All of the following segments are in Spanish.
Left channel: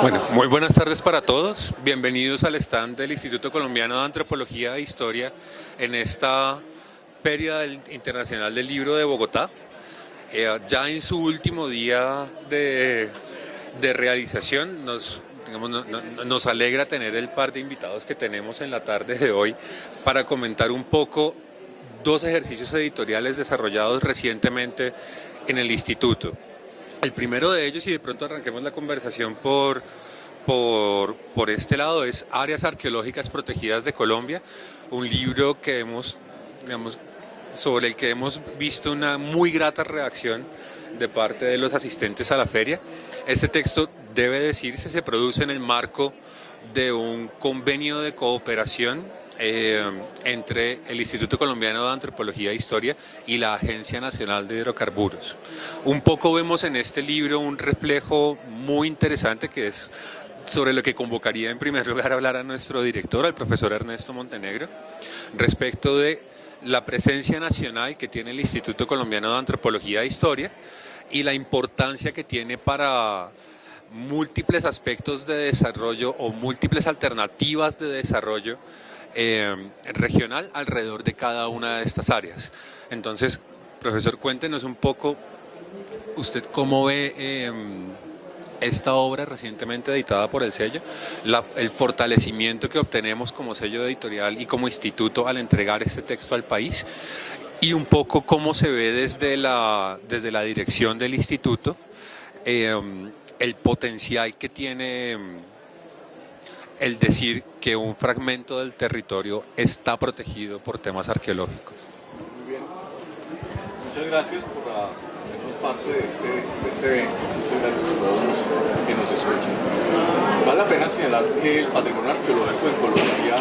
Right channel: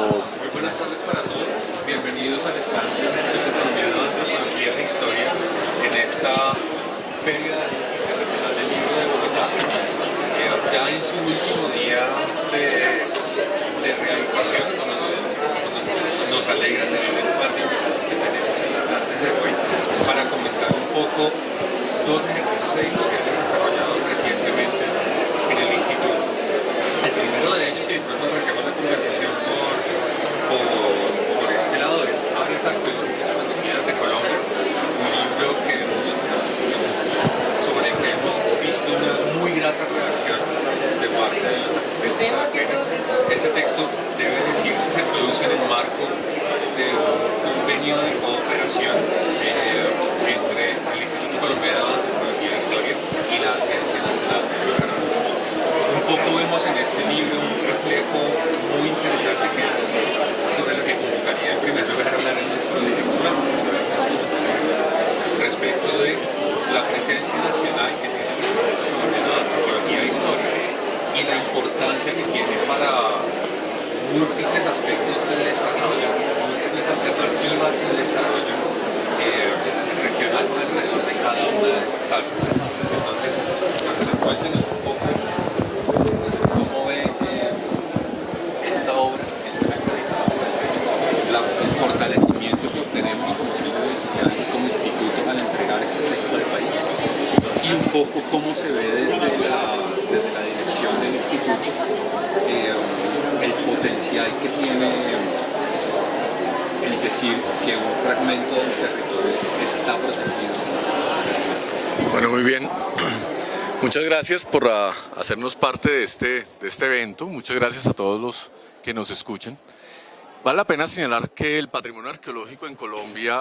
Bueno, muy buenas tardes para todos. Bienvenidos al stand del Instituto Colombiano de Antropología e Historia en esta Feria Internacional del Libro de Bogotá. Ya en su último día de realización, nos alegra tener el par de invitados que tenemos en la tarde de hoy para comentar un poco dos ejercicios editoriales desarrollados recientemente en el Instituto. El primero de ellos, y de pronto arrancamos la conversación por este lado, es Áreas Arqueológicas Protegidas de Colombia, un libro sobre el que hemos visto una muy grata reacción de parte de los asistentes a la feria. Este texto, debe decirse, se produce en el marco de un convenio de cooperación entre el Instituto Colombiano de Antropología e Historia y la Agencia Nacional de Hidrocarburos. Un poco vemos en este libro un reflejo muy interesante que es sobre lo que convocaría en primer lugar a hablar a nuestro director, al profesor Ernesto Montenegro, respecto de la presencia nacional que tiene el Instituto Colombiano de Antropología e Historia y la importancia que tiene para múltiples aspectos de desarrollo o múltiples alternativas de desarrollo regional alrededor de cada una de estas áreas. Entonces, profesor, cuéntenos un poco usted cómo ve esta obra recientemente editada por el sello, el fortalecimiento que obtenemos como sello editorial y como instituto al entregar este texto al país, y un poco cómo se ve desde la dirección del instituto el potencial que tiene el decir que un fragmento del territorio está protegido por temas arqueológicos. Bueno, muy bien. Muchas gracias por hacernos parte de este evento. Muchas gracias a todos los que nos escuchan. Vale la pena señalar que el patrimonio arqueológico en Colombia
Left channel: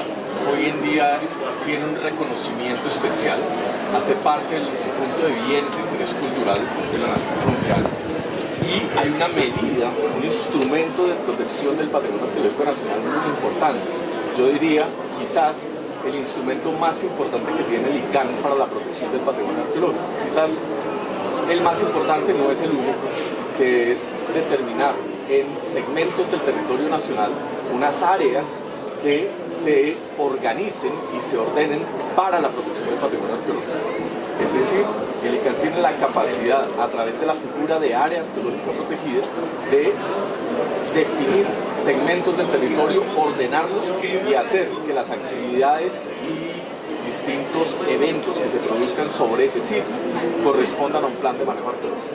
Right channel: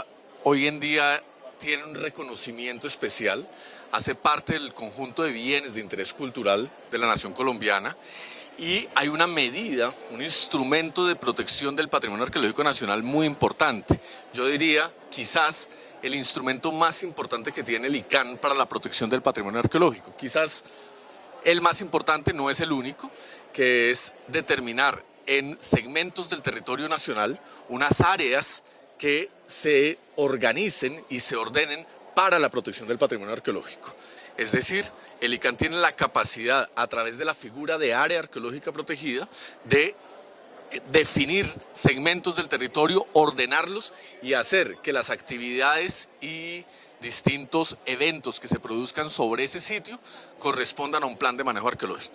hoy en día tiene un reconocimiento especial, hace parte del conjunto de bienes de interés cultural de la nación colombiana, y hay una medida, un instrumento de protección del patrimonio arqueológico nacional muy importante. Yo diría, quizás, el instrumento más importante que tiene el ICANN para la protección del patrimonio arqueológico. Quizás el más importante, no es el único, que es determinar en segmentos del territorio nacional unas áreas que se organicen y se ordenen para la protección del patrimonio arqueológico. Es decir, el ICANN tiene la capacidad, a través de la figura de área arqueológica protegida, de definir segmentos del territorio, ordenarlos y hacer que las actividades y distintos eventos que se produzcan sobre ese sitio correspondan a un plan de manejo arqueológico.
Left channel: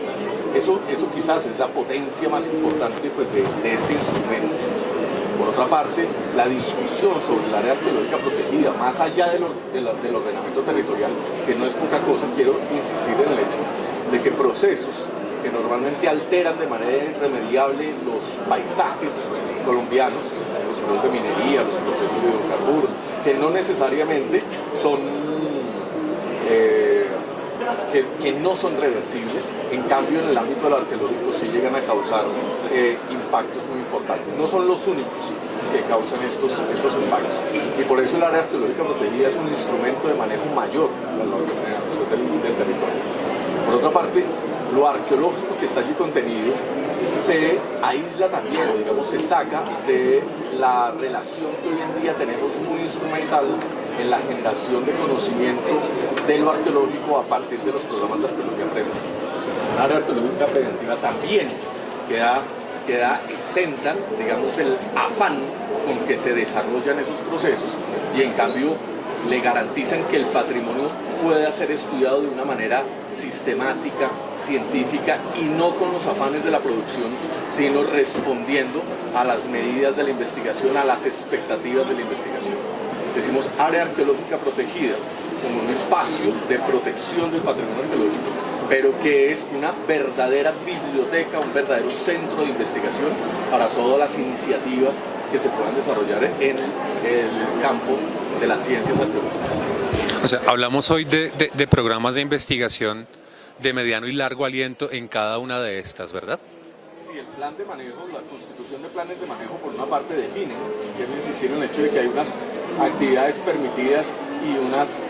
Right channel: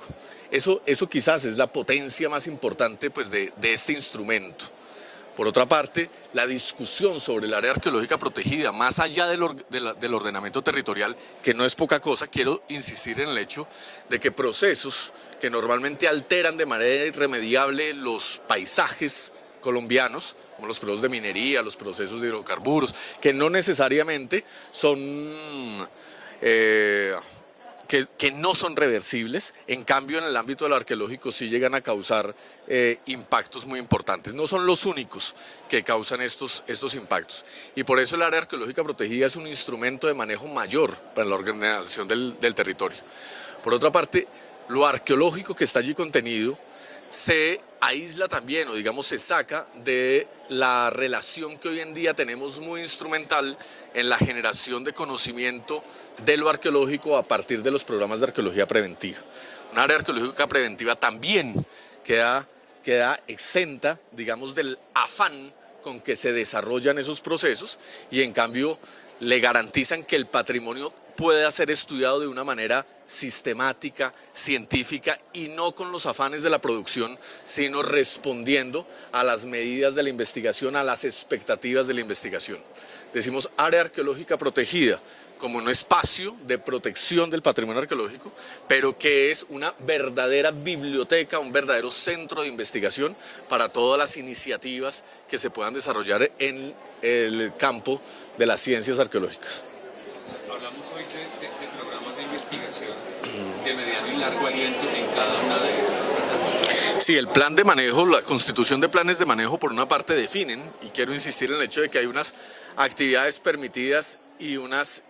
Eso quizás es la potencia más importante, pues, de este instrumento. Por otra parte, la discusión sobre el área arqueológica protegida, más allá del ordenamiento territorial, que no es poca cosa, quiero insistir en el hecho de que procesos que normalmente alteran de manera irremediable los paisajes colombianos, los procesos de minería, los procesos de hidrocarburos, que no necesariamente son, que no son reversibles, en cambio en el ámbito del arqueológico sí llegan a causar impactos muy importantes. No son los únicos que causan estos impactos, y por eso el área arqueológica protegida es un instrumento de manejo mayor para la organización del territorio. Por otra parte, lo arqueológico que está allí contenido se aísla también, o digamos se saca de la relación que hoy en día tenemos muy instrumental en la generación de conocimiento de lo arqueológico a partir de los programas de arqueología preventiva. Un área arqueológica preventiva también queda exenta, digamos, del afán con que se desarrollan esos procesos, y en cambio le garantizan que el patrimonio pueda ser estudiado de una manera sistemática, científica, y no con los afanes de la producción, sino respondiendo a las medidas de la investigación, a las expectativas de la investigación. Decimos área arqueológica protegida como un espacio de protección del patrimonio arqueológico, pero que es una verdadera biblioteca, un verdadero centro de investigación para todas las iniciativas que se puedan desarrollar en el campo de las ciencias arqueológicas. O sea, hablamos hoy de programas de investigación de mediano y largo aliento en cada una de estas, ¿verdad? Sí, el plan de manejo, la constitución de planes de manejo por una parte definen, y quiero insistir en el hecho de que hay unas actividades permitidas y unas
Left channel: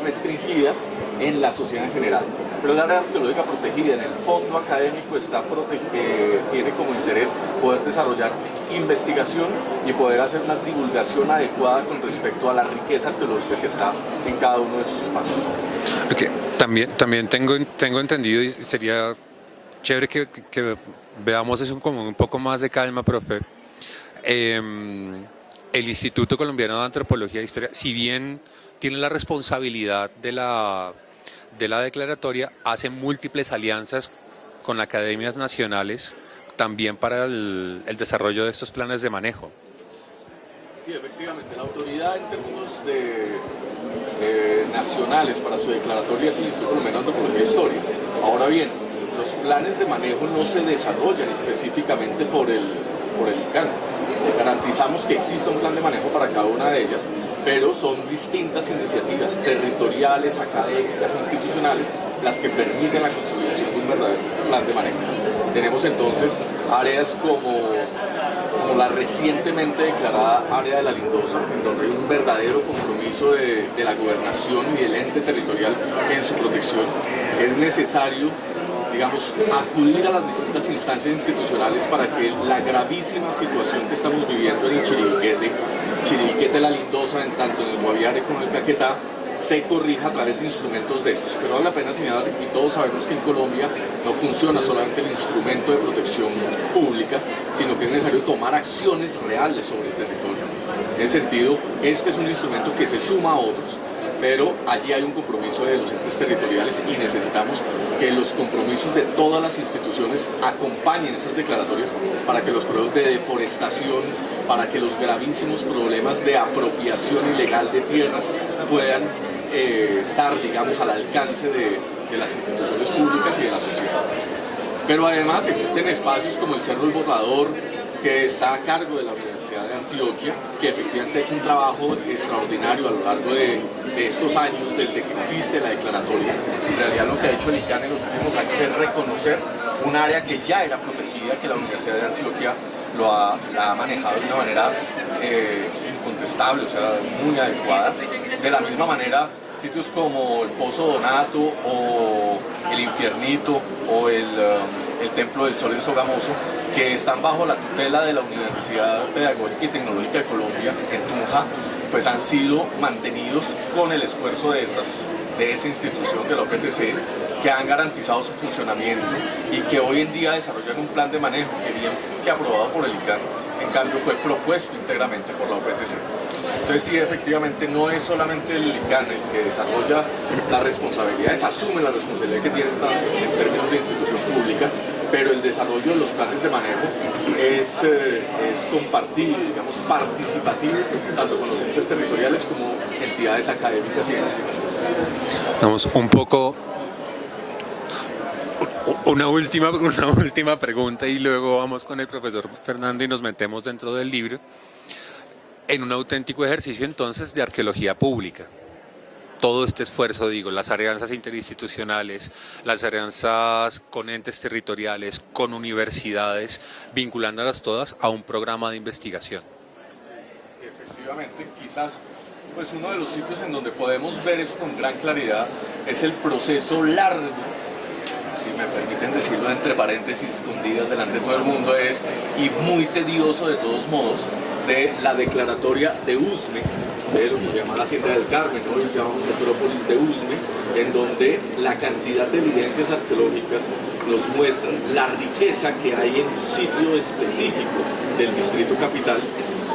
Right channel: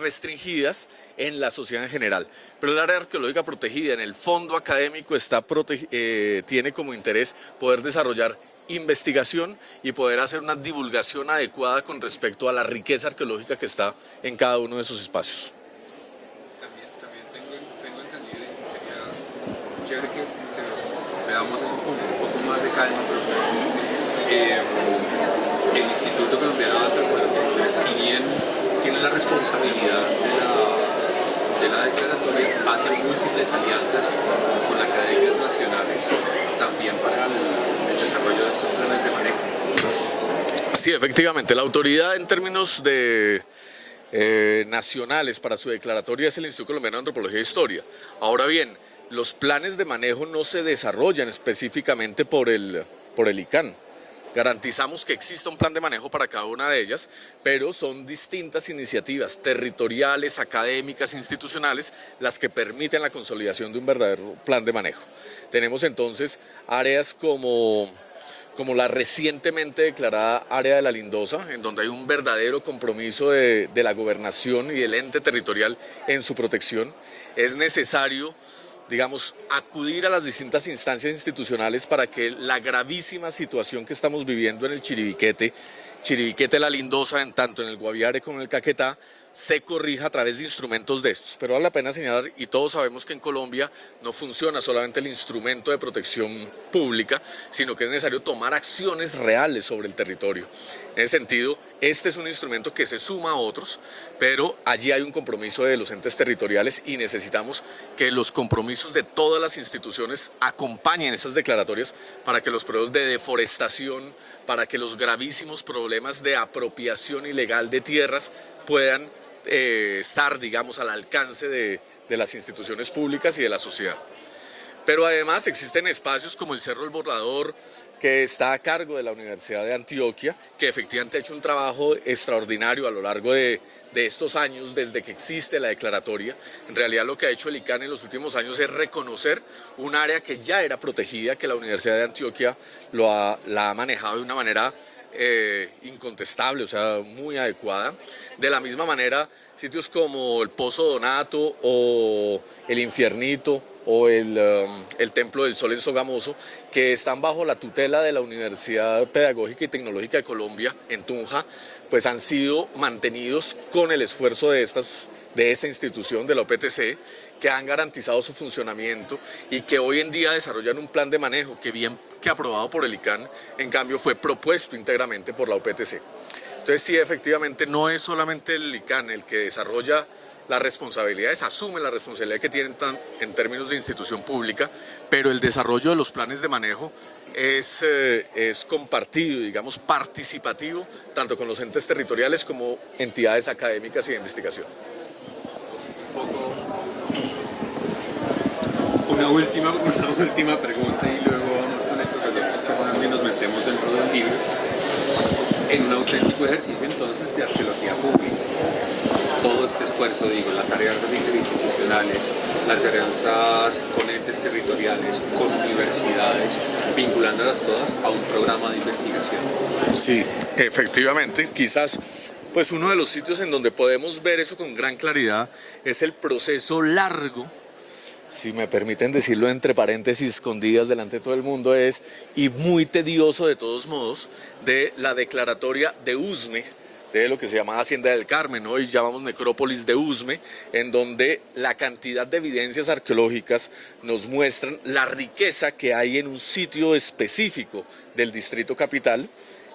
restringidas en la sociedad en general. Pero el área arqueológica protegida en el fondo académico tiene como interés poder desarrollar investigación y poder hacer una divulgación adecuada con respecto a la riqueza arqueológica que está en cada uno de esos espacios. Porque también tengo entendido, y sería chévere que veamos eso con un poco más de calma, profe. El Instituto Colombiano de Antropología e Historia, si bien tiene la responsabilidad de la declaratoria, hace múltiples alianzas con academias nacionales también para el desarrollo de estos planes de manejo. Sí, efectivamente, la autoridad en términos de nacionales para su declaratoria es el Instituto Colombiano de Antropología e Historia. Ahora bien, los planes de manejo no se desarrollan específicamente por el ICANN. Garantizamos que exista un plan de manejo para cada una de ellas, pero son distintas iniciativas territoriales, académicas, institucionales, las que permiten la consolidación de un verdadero plan de manejo. Tenemos entonces áreas como la recientemente declarada área de la Lindosa, en donde hay un verdadero compromiso de la gobernación y del ente territorial en su protección. Es necesario, digamos, acudir a las distintas instancias institucionales para que la gravísima situación que estamos viviendo en el Chiribiquete de la Lindosa, en tanto en el Guaviare como en el Caquetá, se corrija a través de instrumentos de estos. Pero vale la pena señalar, y todos sabemos que en Colombia no funciona solamente el instrumento de protección pública, sino que es necesario tomar acciones reales sobre el territorio. En ese sentido, este es un instrumento que se suma a otros, pero allí hay un compromiso de los entes territoriales y necesitamos que los compromisos de todas las instituciones acompañen esas declaratorias para que los procesos de deforestación, para que los gravísimos problemas de apropiación ilegal de tierras puedan estar, digamos, al alcance de las instituciones públicas y de la sociedad. Pero además existen espacios como el Cerro del Borrador, que está a cargo de la Universidad de Antioquia, que efectivamente ha hecho un trabajo extraordinario a lo largo de estos años, desde que existe la declaratoria. En realidad lo que ha hecho el ICANN en los últimos años es reconocer un área que ya era protegida, que la Universidad de Antioquia la ha manejado de una manera incontestable, o sea, muy adecuada. De la misma manera, sitios como el Pozo Donato o el Infiernito o el Templo del Sol en Sogamoso, que están bajo la tutela de la Universidad Pedagógica y Tecnológica de Colombia, en Tunja, pues han sido mantenidos con el esfuerzo de esa institución, de la OPTC, que han garantizado su funcionamiento y que hoy en día desarrollan un plan de manejo que bien que aprobado por el ICANN, en cambio fue propuesto íntegramente por la OPTC. Entonces sí, efectivamente no es solamente el ICANN el que desarrolla las responsabilidades, asume la responsabilidad que tiene en términos de institución pública, pero el desarrollo de los planes de manejo es compartido, digamos, participativo, tanto con los entes territoriales como entidades académicas y de investigación. Vamos, un poco, una última pregunta y luego vamos con el profesor Fernando y nos metemos dentro del libro, en un auténtico ejercicio entonces de arqueología pública. Todo este esfuerzo, digo, en las alianzas interinstitucionales, las alianzas con entes territoriales, con universidades, vinculándolas todas a un programa de investigación. Sí, efectivamente, quizás pues uno de los sitios en donde podemos ver eso con gran claridad es el proceso largo, si me permiten decirlo entre paréntesis escondidas delante de todo el mundo, y muy tedioso de todos modos, de la declaratoria de Usme, de lo que se llama Hacienda del Carmen, hoy llamamos Necrópolis de Usme, en donde la cantidad de evidencias arqueológicas nos muestran la riqueza que hay en un sitio específico del Distrito Capital,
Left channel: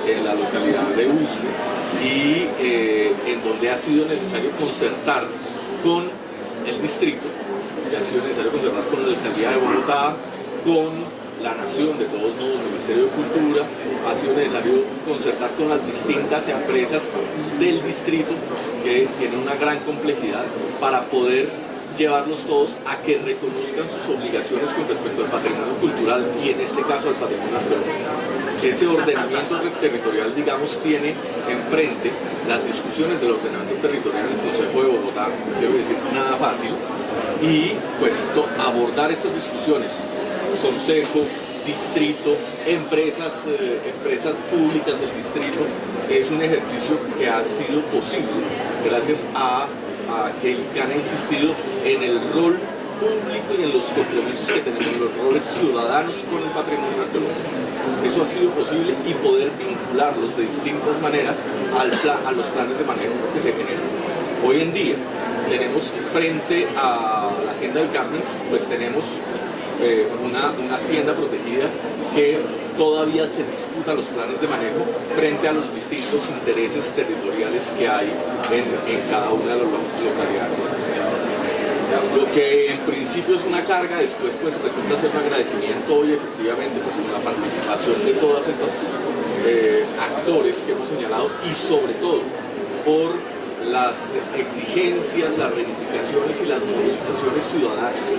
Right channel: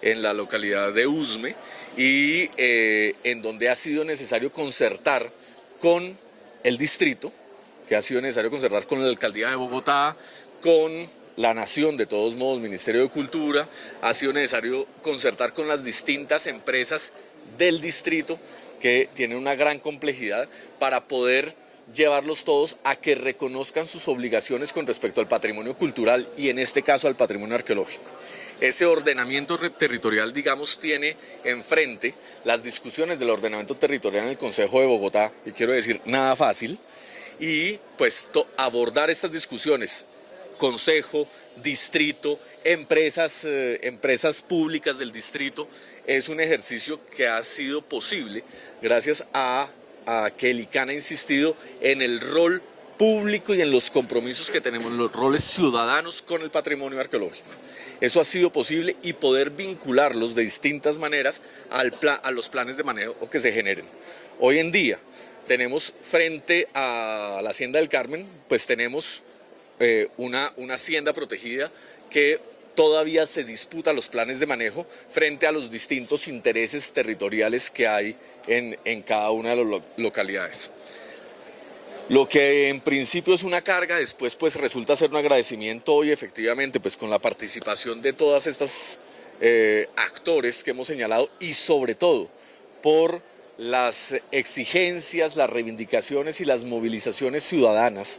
en la localidad de Usme, y en donde ha sido necesario concertar con el distrito, que ha sido necesario concertar con la Alcaldía de Bogotá, con la Nación, de todos modos, el Ministerio de Cultura, ha sido necesario concertar con las distintas empresas del distrito, que tienen una gran complejidad, para poder llevarlos todos a que reconozcan sus obligaciones con respecto al patrimonio cultural y en este caso al patrimonio arqueológico. Ese ordenamiento territorial, digamos, tiene enfrente las discusiones del ordenamiento territorial en el Consejo de Bogotá, quiero decir, nada fácil, y pues abordar estas discusiones, consejo, distrito, empresas públicas del distrito, es un ejercicio que ha sido posible gracias a que el ICANN ha insistido en el rol público y en los compromisos que tenemos, los roles ciudadanos con el patrimonio arqueológico. Eso ha sido posible y poder vincularlos de distintas maneras a los planes de manejo que se generan. Hoy en día tenemos frente a la Hacienda del Carmen, pues tenemos una hacienda protegida que todavía se disputa los planes de manejo frente a los distintos intereses territoriales que hay en cada una de las localidades. Lo que en principio es una carga, después pues resulta ser un agradecimiento hoy efectivamente pues con la participación de todas estas actores que hemos señalado y sobre todo por las exigencias, las reivindicaciones y las movilizaciones ciudadanas.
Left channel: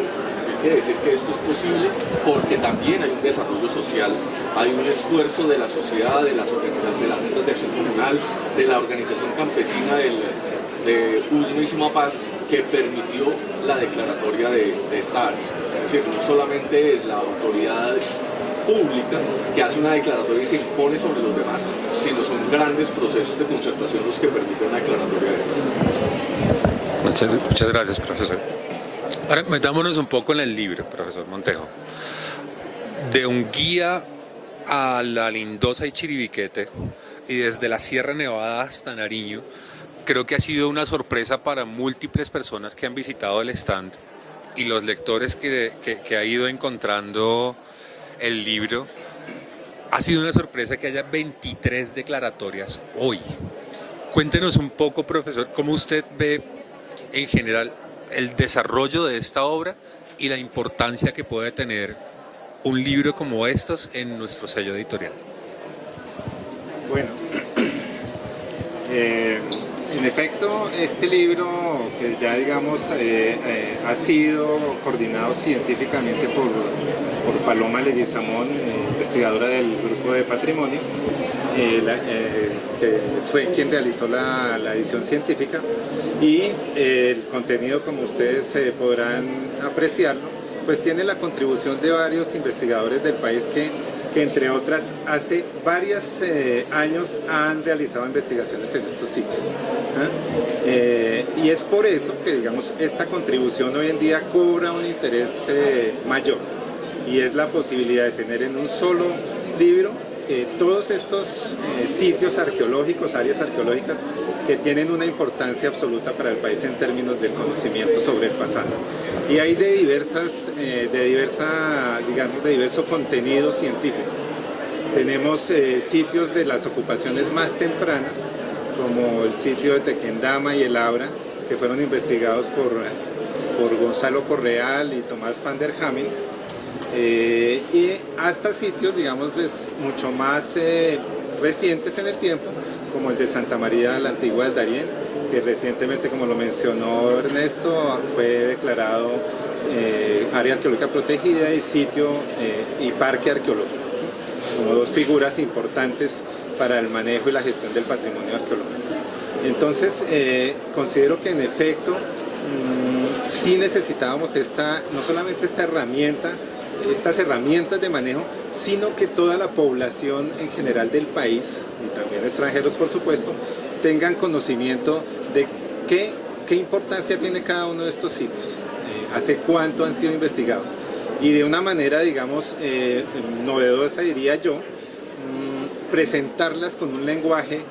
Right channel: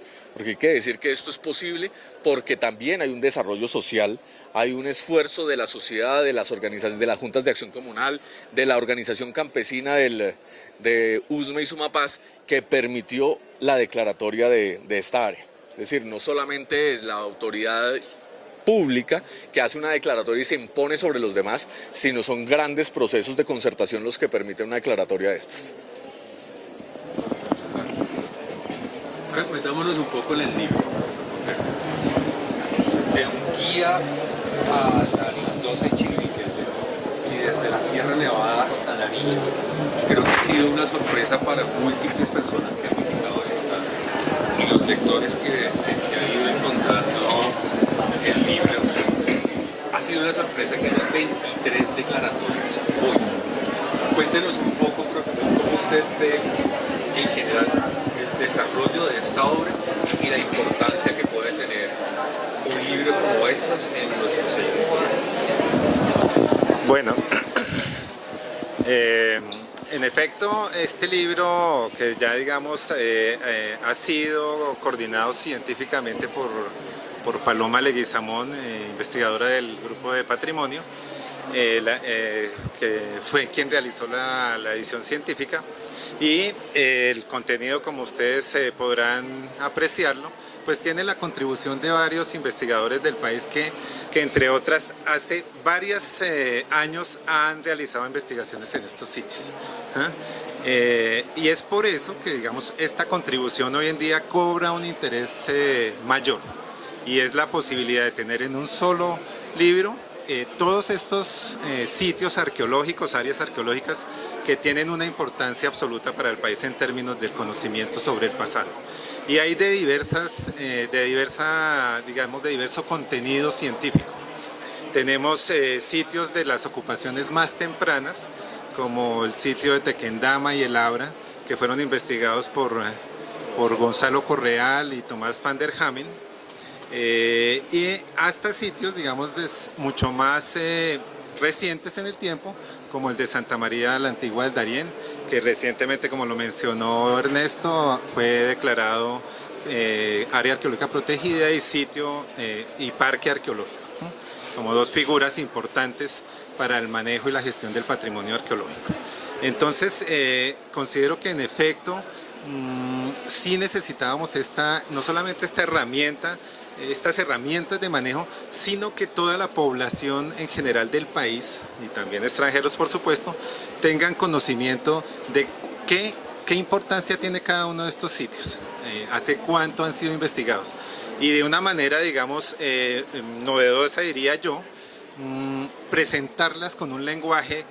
Hay que decir que esto es posible porque también hay un desarrollo social, hay un esfuerzo de la sociedad, de las organizaciones, de las juntas de acción comunal, de la organización campesina de Usme y Sumapaz, que permitió la declaratoria de esta área. Es decir, no solamente es la autoridad pública que hace una declaratoria y se impone sobre los demás, sino son grandes procesos de concertación los que permiten una declaratoria de estas. Muchas gracias, profesor. Ahora metámonos un poco en el libro, profesor Montero. De un guía a la Lindosa y Chiribiquete y desde la Sierra Nevada hasta Nariño, creo que ha sido una sorpresa para múltiples personas que han visitado el stand y los lectores que ha ido encontrando el libro. Ha sido una sorpresa que haya 23 declaratorias hoy. Cuéntenos un poco, profesor, cómo usted ve en general el desarrollo de esta obra y la importancia que puede tener un libro como estos en nuestro sello editorial. Bueno, en efecto, este libro que ya digamos ha sido coordinado científicamente por Paloma Leguizamón, investigadora del Grupo de Patrimonio, que fue quien realizó la edición científica, y el contenido, como ustedes podrán apreciarlo, pues tiene la contribución de varios investigadores del país que entre otras hace varios años han realizado investigaciones en estos sitios. Y es por eso que digamos esta contribución hoy en día cobra un interés mayor, y es la posibilidad de tener en un solo libro todos estos sitios arqueológicos, áreas arqueológicas que tienen una importancia absoluta para el país en términos del conocimiento sobre el pasado. Y hay de diverso contenido científico. Tenemos sitios de las ocupaciones más tempranas, como el sitio de Tequendama y el Abra, que fueron investigados por Gonzalo Correal y Tomás van der Hamen. Y hasta sitios, digamos, mucho más recientes en el tiempo, como el de Santa María la Antigua del Darién, que recientemente, como lo mencionó Ernesto, fue declarado área arqueológica protegida y sitio y parque arqueológico, como dos figuras importantes para el manejo y la gestión del patrimonio arqueológico. Entonces, considero que en efecto sí necesitábamos no solamente esta herramienta, estas herramientas de manejo, sino que toda la población en general del país, y también extranjeros por supuesto, tengan conocimiento de qué importancia tiene cada uno de estos sitios, hace cuánto han sido investigados, y de una manera, digamos, novedosa diría yo, presentarlas con un lenguaje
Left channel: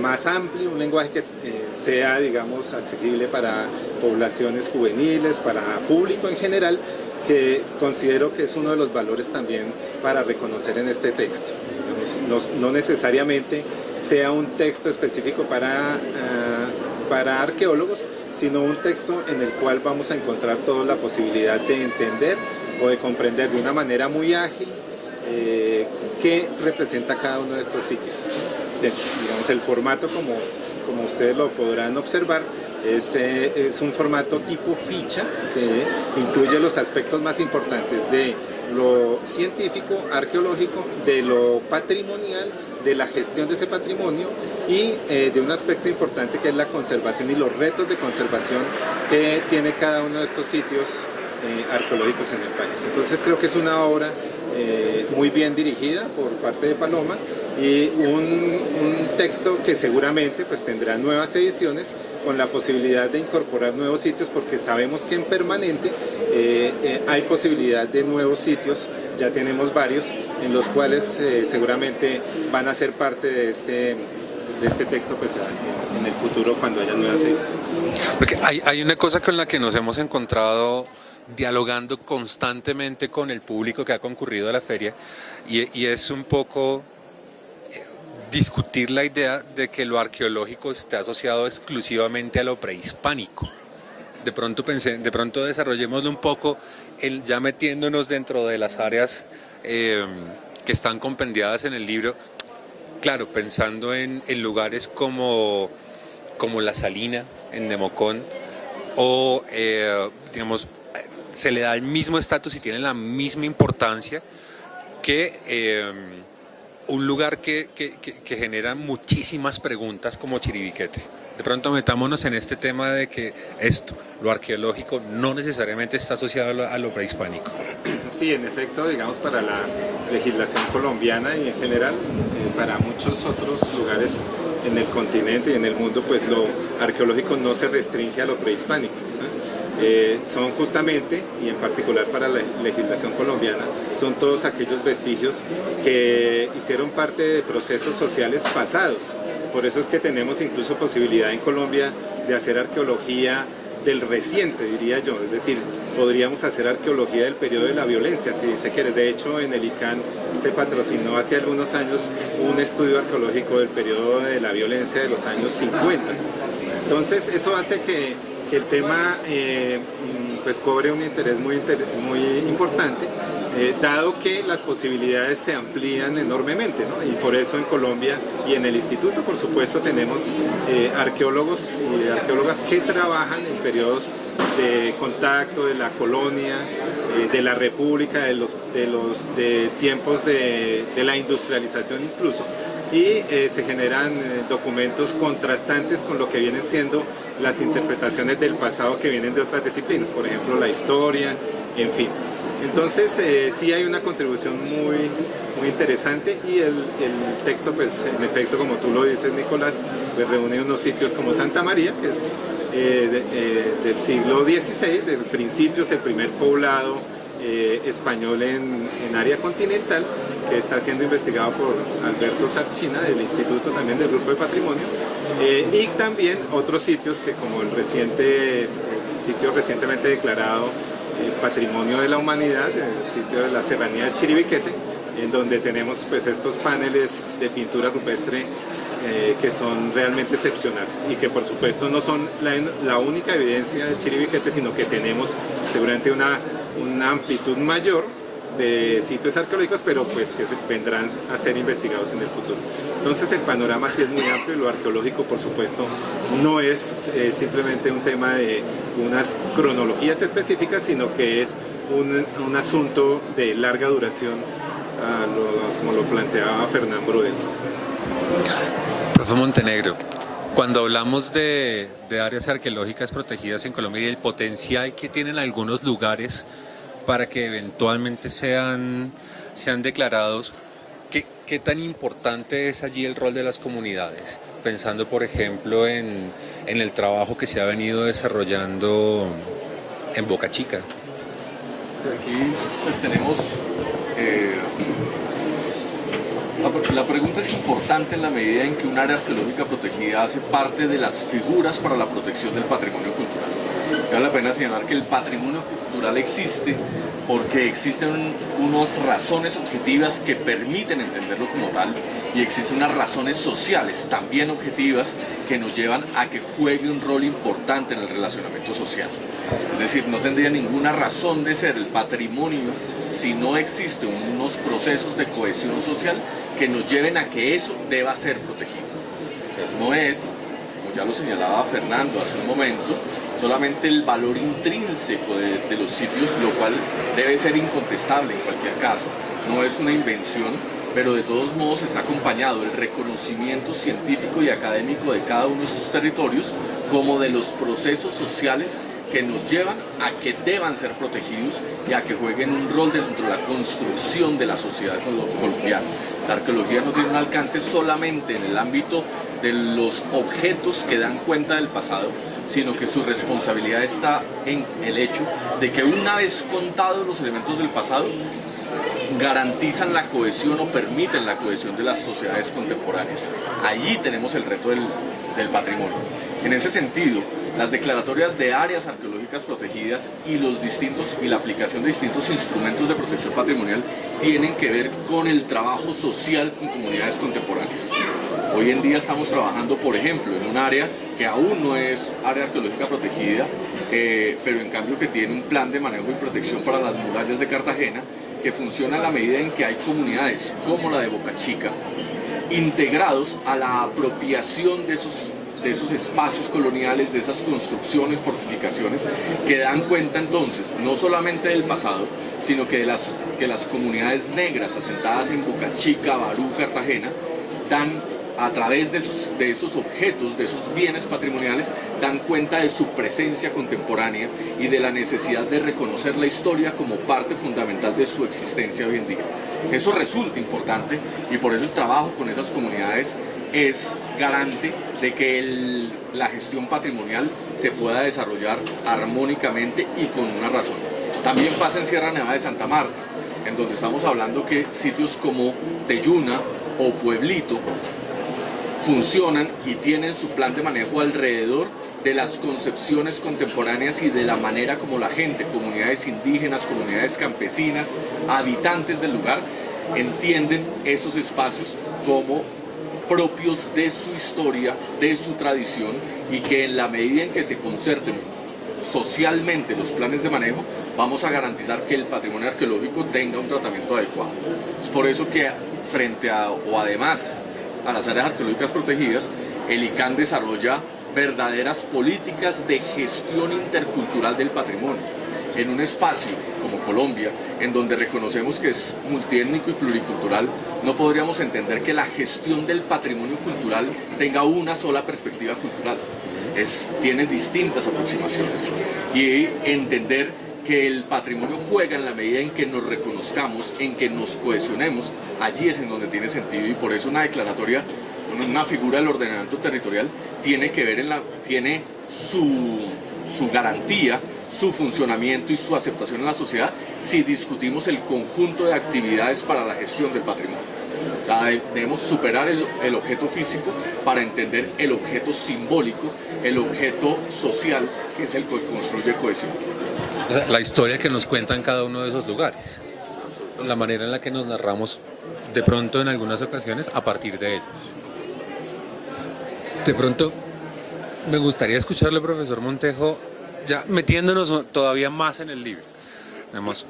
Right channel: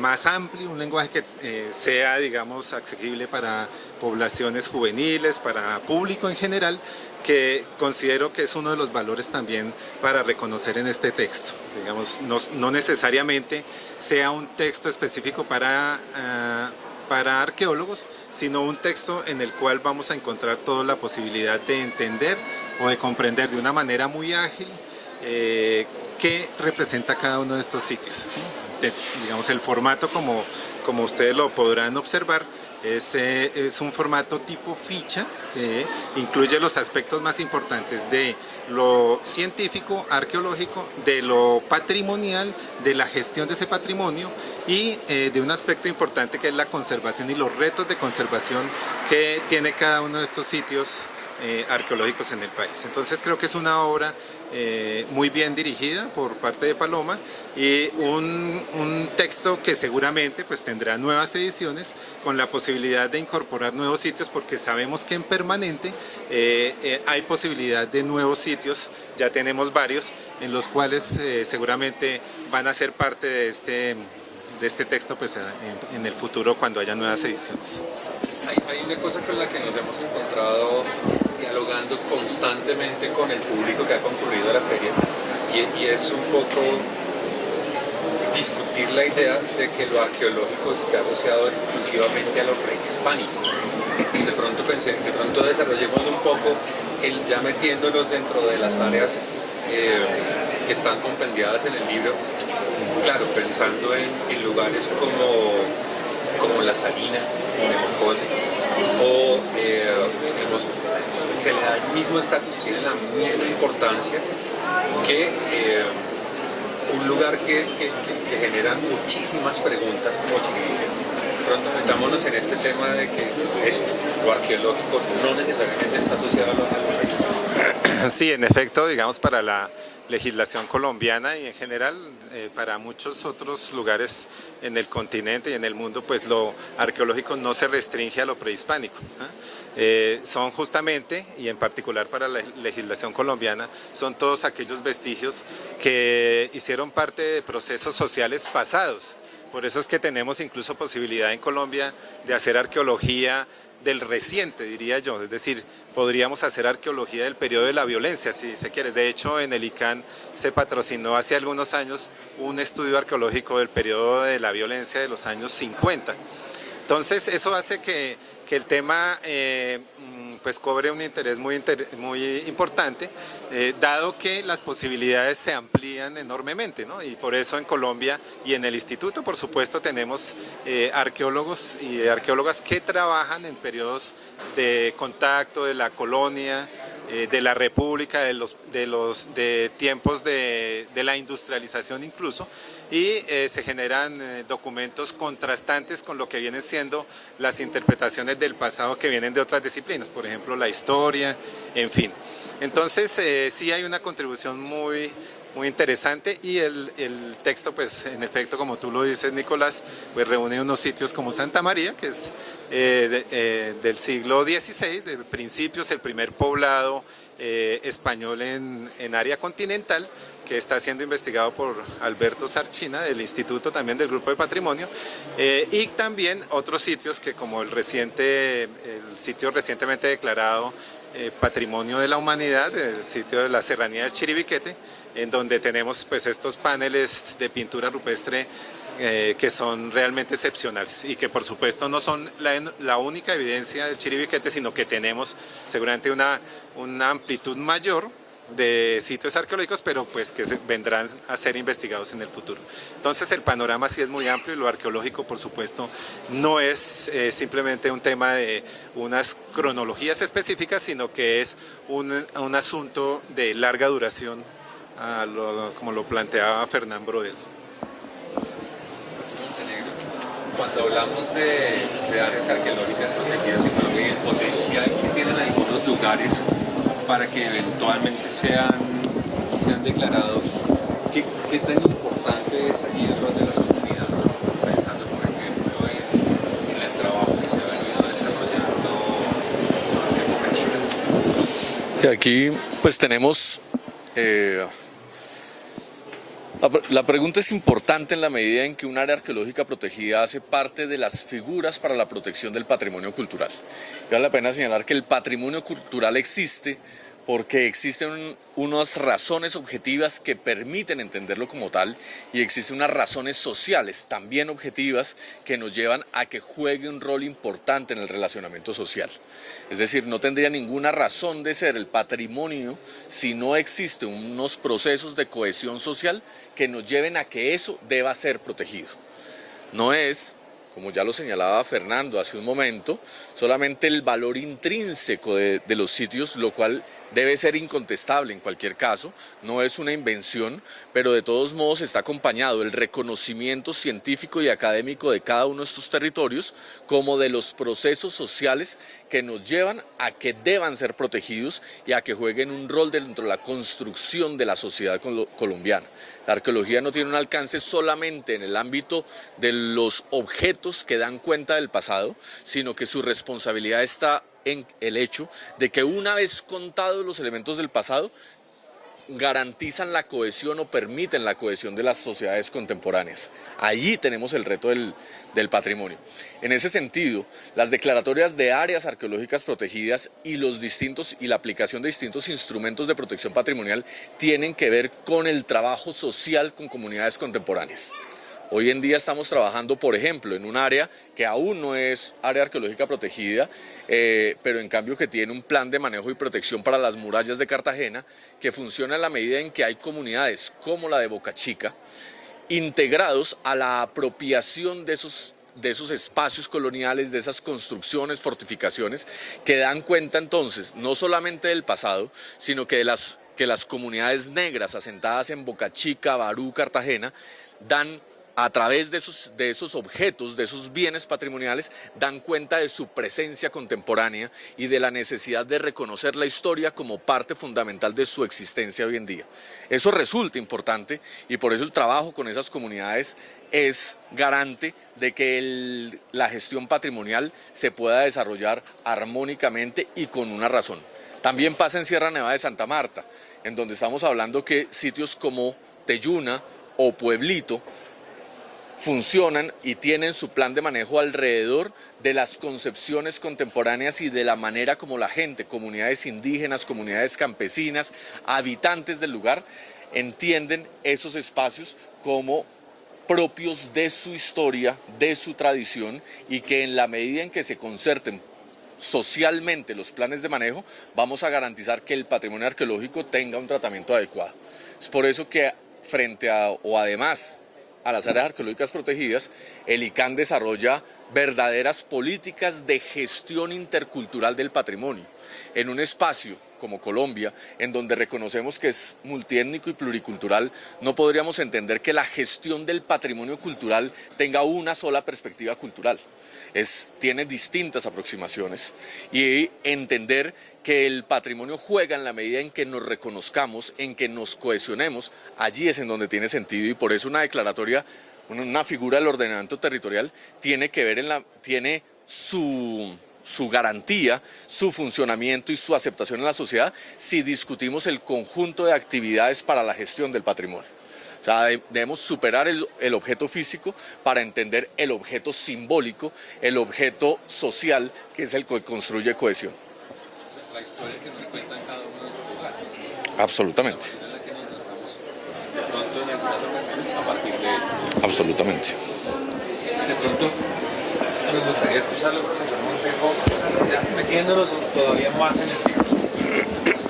más amplio, un lenguaje que sea, digamos, accesible para poblaciones juveniles, para público en general, que considero que es uno de los valores también para reconocer en este texto. Digamos, no necesariamente sea un texto específico para arqueólogos, sino un texto en el cual vamos a encontrar toda la posibilidad de entender o de comprender de una manera muy ágil qué representa cada uno de estos sitios. Digamos, el formato, como ustedes lo podrán observar, es un formato tipo ficha que incluye los aspectos más importantes de lo científico, arqueológico, de lo patrimonial, de la gestión de ese patrimonio y de un aspecto importante que es la conservación y los retos de conservación que tiene cada uno de estos sitios arqueológicos en el país. Entonces creo que es una obra muy bien dirigida por parte de Paloma, y un texto que seguramente pues tendrá nuevas ediciones con la posibilidad de incorporar nuevos sitios, porque sabemos que en permanente hay posibilidad de nuevos sitios. Ya tenemos varios en los cuales seguramente van a ser parte de este texto pues en el futuro cuando haya nuevas ediciones. Porque hay una cosa con la que nos hemos encontrado dialogando constantemente con el público que ha concurrido a la feria, y es un poco discutir la idea de que lo arqueológico esté asociado exclusivamente a lo prehispánico. De pronto desarrollemos un poco ya metiéndonos dentro de las áreas que están compendiadas en el libro. Claro, pensando en lugares como La Salina, en Nemocón, o digamos, se le da el mismo estatus y tiene la misma importancia que un lugar que genera muchísimas preguntas como Chiribiquete. De pronto metámonos en este tema de que lo arqueológico, no necesariamente está asociado a lo prehispánico. Sí, en efecto, digamos, para la legislación colombiana y en general para muchos otros lugares en el continente y en el mundo, pues lo arqueológico no se restringe a lo prehispánico, ¿no? Son justamente, y en particular para la legislación colombiana, son todos aquellos vestigios que hicieron parte de procesos sociales pasados. Por eso es que tenemos incluso posibilidad en Colombia de hacer arqueología del reciente, diría yo, es decir, podríamos hacer arqueología del periodo de la violencia, si se quiere. De hecho, en el ICANN se patrocinó hace algunos años un estudio arqueológico del periodo de la violencia de los años 50. Entonces, eso hace que el tema pues cobre un interés muy importante, dado que las posibilidades se amplían enormemente, ¿no? Y por eso en Colombia y en el instituto, por supuesto, tenemos arqueólogos y arqueólogas que trabajan en periodos de contacto de la colonia, de la república, de tiempos de la industrialización incluso, y se generan documentos contrastantes con lo que vienen siendo las interpretaciones del pasado que vienen de otras disciplinas, por ejemplo la historia, en fin. Entonces sí hay una contribución muy interesante, y el texto, pues en efecto, como tú lo dices, Nicolás, pues reúne unos sitios como Santa María, que es del siglo XVI, de principios, el primer poblado español en área continental, que está siendo investigado por Alberto Sarchina del Instituto, también del Grupo de Patrimonio, y también otros sitios que, como el sitio recientemente declarado Patrimonio de la Humanidad, el sitio de la Serranía del Chiribiquete, en donde tenemos pues estos paneles de pintura rupestre que son realmente excepcionales, y que por supuesto no son la única evidencia del Chiribiquete, sino que tenemos seguramente una amplitud mayor de sitios arqueológicos, pero pues que vendrán a ser investigados en el futuro. Entonces el panorama sí es muy amplio, y lo arqueológico, por supuesto, no es simplemente un tema de unas cronologías específicas, sino que es un asunto de larga duración, como lo planteaba Fernán Brodel. Profe Montenegro, cuando hablamos de áreas arqueológicas protegidas en Colombia y el potencial que tienen algunos lugares para que eventualmente sean declarados, ¿qué tan importante es allí el rol de las comunidades? Pensando, por ejemplo, en el trabajo que se ha venido desarrollando en Boca Chica. Y aquí pues tenemos... La pregunta es importante en la medida en que un área arqueológica protegida hace parte de las figuras para la protección del patrimonio cultural. Vale la pena señalar que el patrimonio cultural existe porque existen unas razones objetivas que permiten entenderlo como tal, y existen unas razones sociales también objetivas que nos llevan a que juegue un rol importante en el relacionamiento social. Es decir, no tendría ninguna razón de ser el patrimonio si no existen unos procesos de cohesión social que nos lleven a que eso deba ser protegido. No es, como ya lo señalaba Fernando hace un momento, solamente el valor intrínseco de los sitios, lo cual debe ser incontestable en cualquier caso, no es una invención, pero de todos modos está acompañado del reconocimiento científico y académico de cada uno de estos territorios, como de los procesos sociales que nos llevan a que deban ser protegidos y a que jueguen un rol dentro de la construcción de la sociedad colombiana. La arqueología no tiene un alcance solamente en el ámbito de los objetos que dan cuenta del pasado, sino que su responsabilidad está en el hecho de que una vez contados los elementos del pasado, garantizan la cohesión o permiten la cohesión de las sociedades contemporáneas. Allí tenemos el reto del patrimonio. En ese sentido, las declaratorias de áreas arqueológicas protegidas y la aplicación de distintos instrumentos de protección patrimonial tienen que ver con el trabajo social con comunidades contemporáneas. Hoy en día estamos trabajando, por ejemplo, en un área que aún no es área arqueológica protegida, pero en cambio que tiene un plan de manejo y protección para las murallas de Cartagena, que funciona a la medida en que hay comunidades como la de Boca Chica, integrados a la apropiación de esos espacios coloniales, de esas construcciones, fortificaciones, que dan cuenta entonces no solamente del pasado, sino que las comunidades negras asentadas en Boca Chica, Barú, Cartagena, dan a través de esos objetos, de esos bienes patrimoniales, dan cuenta de su presencia contemporánea y de la necesidad de reconocer la historia como parte fundamental de su existencia hoy en día. Eso resulta importante y por eso el trabajo con esas comunidades es garante de que la gestión patrimonial se pueda desarrollar armónicamente y con una razón. También pasa en Sierra Nevada de Santa Marta, en donde estamos hablando que sitios como Teyuna o Pueblito funcionan y tienen su plan de manejo alrededor de las concepciones contemporáneas y de la manera como la gente, comunidades indígenas, comunidades campesinas, habitantes del lugar, entienden esos espacios como propios de su historia, de su tradición, y que en la medida en que se concerten socialmente los planes de manejo, vamos a garantizar que el patrimonio arqueológico tenga un tratamiento adecuado. Es por eso que además a las áreas arqueológicas protegidas, el ICANN desarrolla verdaderas políticas de gestión intercultural del patrimonio. En un espacio como Colombia, en donde reconocemos que es multiétnico y pluricultural, no podríamos entender que la gestión del patrimonio cultural tenga una sola perspectiva cultural. Tiene distintas aproximaciones y entender que el patrimonio juega en la medida en que nos reconozcamos, en que nos cohesionemos, allí es en donde tiene sentido, y por eso una declaratoria, una figura del ordenamiento territorial tiene que ver tiene su garantía, su funcionamiento y su aceptación en la sociedad si discutimos el conjunto de actividades para la gestión del patrimonio. O sea, debemos superar el objeto físico para entender el objeto simbólico, el objeto social, que es el que construye cohesión. O sea, la historia que nos cuentan cada uno de esos lugares. Absolutamente. La manera en la que nos narramos de pronto en algunas ocasiones a partir de él. Absolutamente. De pronto me gustaría escucharle, profesor Montejo, ya metiéndonos todavía más en el libro. Digamos,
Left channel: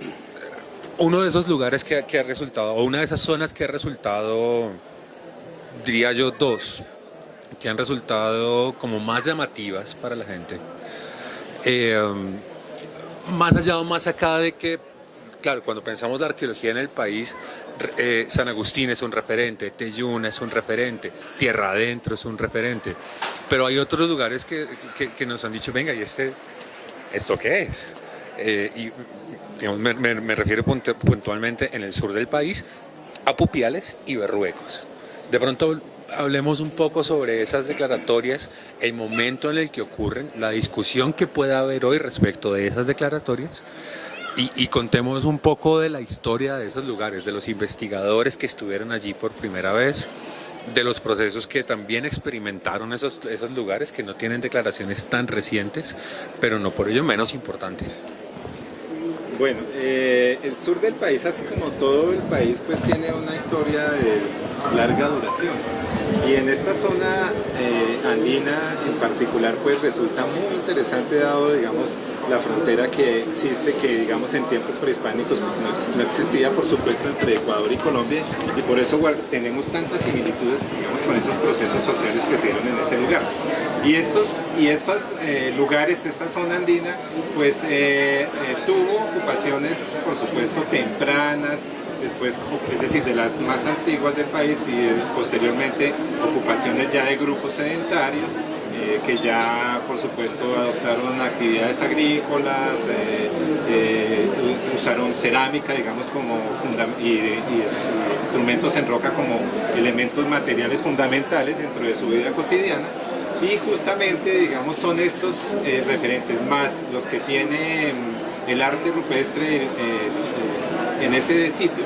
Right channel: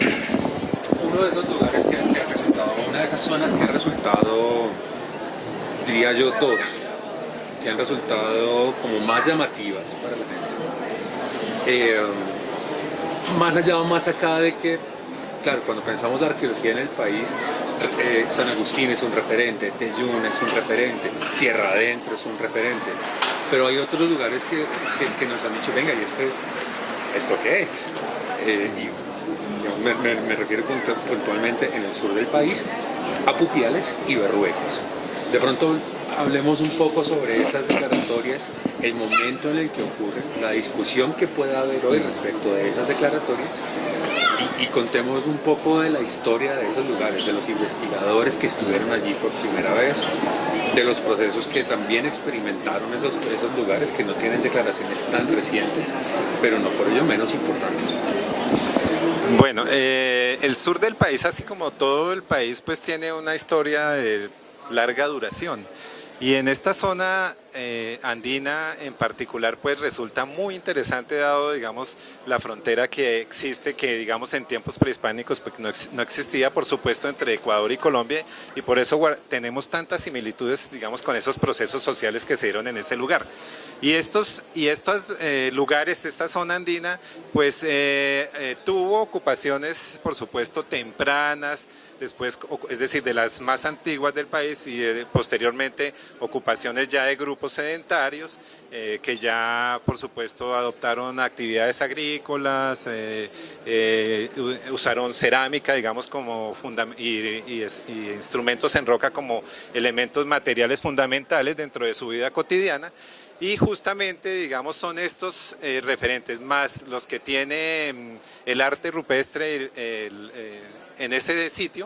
uno de esos lugares que ha resultado, o una de esas zonas que ha resultado, diría yo, dos, que han resultado como más llamativas para la gente. Más allá o más acá de que, claro, cuando pensamos de arqueología en el país, San Agustín es un referente, Teyún es un referente, Tierra Adentro es un referente, pero hay otros lugares que nos han dicho, venga, ¿y esto qué es? Y digamos, me refiero puntualmente en el sur del país a Pupiales y Berruecos. De pronto hablemos un poco sobre esas declaratorias, el momento en el que ocurren, la discusión que puede haber hoy respecto de esas declaratorias y contemos un poco de la historia de esos lugares, de los investigadores que estuvieron allí por primera vez, de los procesos que también experimentaron esos lugares que no tienen declaraciones tan recientes, pero no por ello menos importantes. Bueno, el sur del país, así como todo el país, pues tiene una historia de larga duración. Y en esta zona andina en particular, pues resulta muy interesante dado, digamos, la frontera que existe, que digamos en tiempos prehispánicos pues, no existía, por supuesto, entre Ecuador y Colombia, y por eso tenemos tantas similitudes, digamos, con esos procesos sociales que se dieron en ese lugar. Y estos lugares, esta zona andina, pues tuvo ocupaciones, por supuesto, tempranas, después, es decir, de las más antiguas del país y posteriormente ocupaciones ya de grupos sedentarios, que ya por supuesto adoptaron actividades agrícolas, usaron cerámica, digamos, y instrumentos en roca como elementos materiales fundamentales dentro de su vida cotidiana. Y justamente, digamos, son estos referentes más los que tiene el arte rupestre en ese sitio,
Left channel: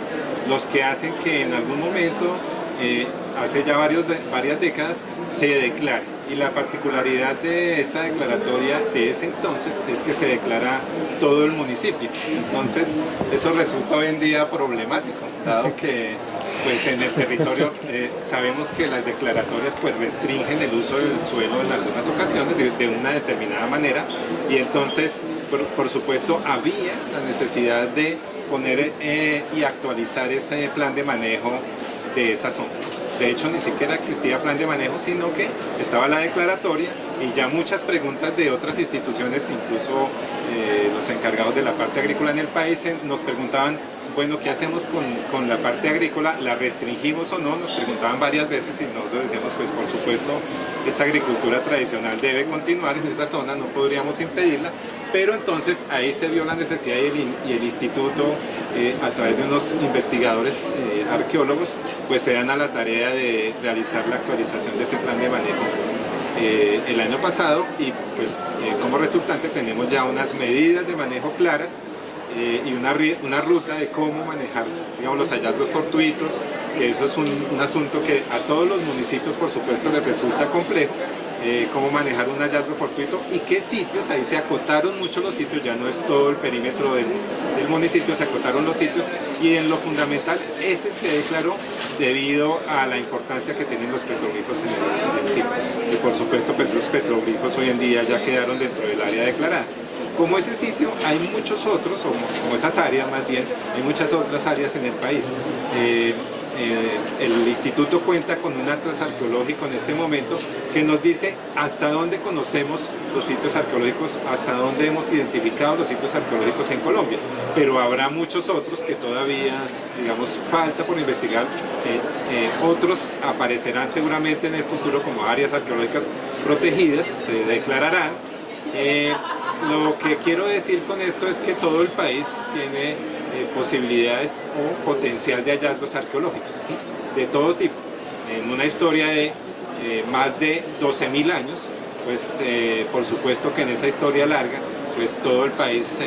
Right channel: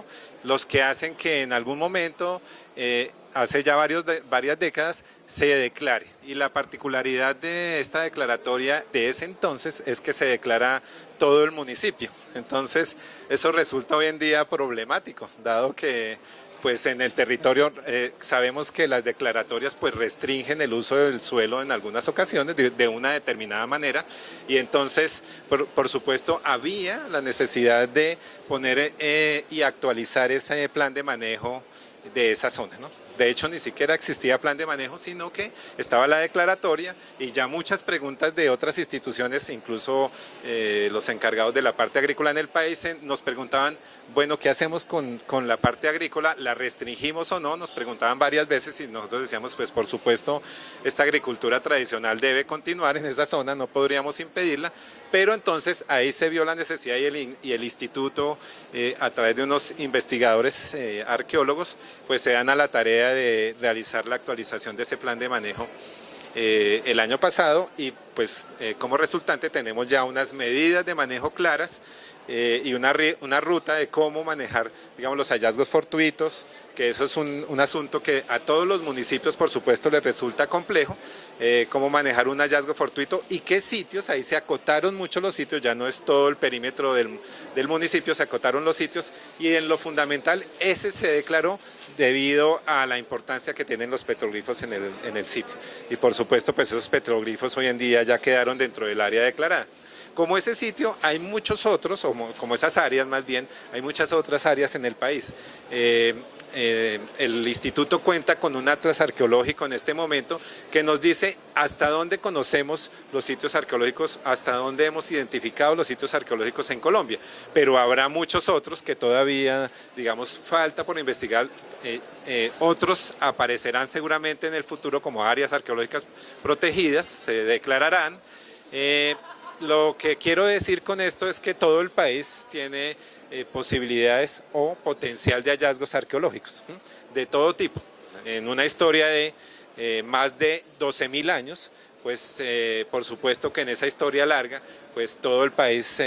los que hacen que en algún momento, hace ya varias décadas, se declare. Y la particularidad de esta declaratoria de ese entonces es que se declara todo el municipio. Entonces, eso resulta hoy en día problemático, dado que pues en el territorio sabemos que las declaratorias pues restringen el uso del suelo en algunas ocasiones de una determinada manera, y entonces por supuesto había la necesidad de poner y actualizar ese plan de manejo de esa zona. De hecho, ni siquiera existía plan de manejo, sino que estaba la declaratoria y ya muchas preguntas de otras instituciones, incluso los encargados de la parte agrícola en el país, nos preguntaban, bueno, ¿qué hacemos con la parte agrícola? ¿La restringimos o no? Nos preguntaban varias veces y nosotros decíamos, pues por supuesto, esta agricultura tradicional debe continuar en esa zona, no podríamos impedirla, pero entonces ahí se vio la necesidad y el instituto, a través de unos investigadores arqueólogos, pues se dan a la tarea de realizar la actualización de ese plan de manejo el año pasado, y pues como resultante tenemos ya unas medidas de manejo claras, y una ruta de cómo manejar, digamos, los hallazgos fortuitos, que eso es un asunto que a todos los municipios por supuesto les resulta complejo, cómo manejar un hallazgo fortuito y qué sitios. Ahí se acotaron mucho los sitios, ya no es todo el perímetro del municipio, se acotaron los sitios, y en lo fundamental ese se declaró debido a la importancia que tienen los petroglifos en el sitio, y por supuesto pues esos petroglifos hoy en día ya quedaron dentro del área declarada. Como ese sitio hay muchos otros, o como esas áreas más bien, hay muchas otras áreas en el país. El instituto cuenta con un atlas arqueológico en este momento que nos dice hasta dónde conocemos los sitios arqueológicos, hasta dónde hemos identificado los sitios arqueológicos en Colombia, pero habrá muchos otros que todavía, digamos, falta por investigar. Otros aparecerán seguramente en el futuro como áreas arqueológicas protegidas, se declararán. Lo que quiero decir con esto es que todo el país tiene posibilidades o potencial de hallazgos arqueológicos, ¿sí?, de todo tipo. En una historia de más de 12.000 años, pues por supuesto que en esa historia larga, pues todo el país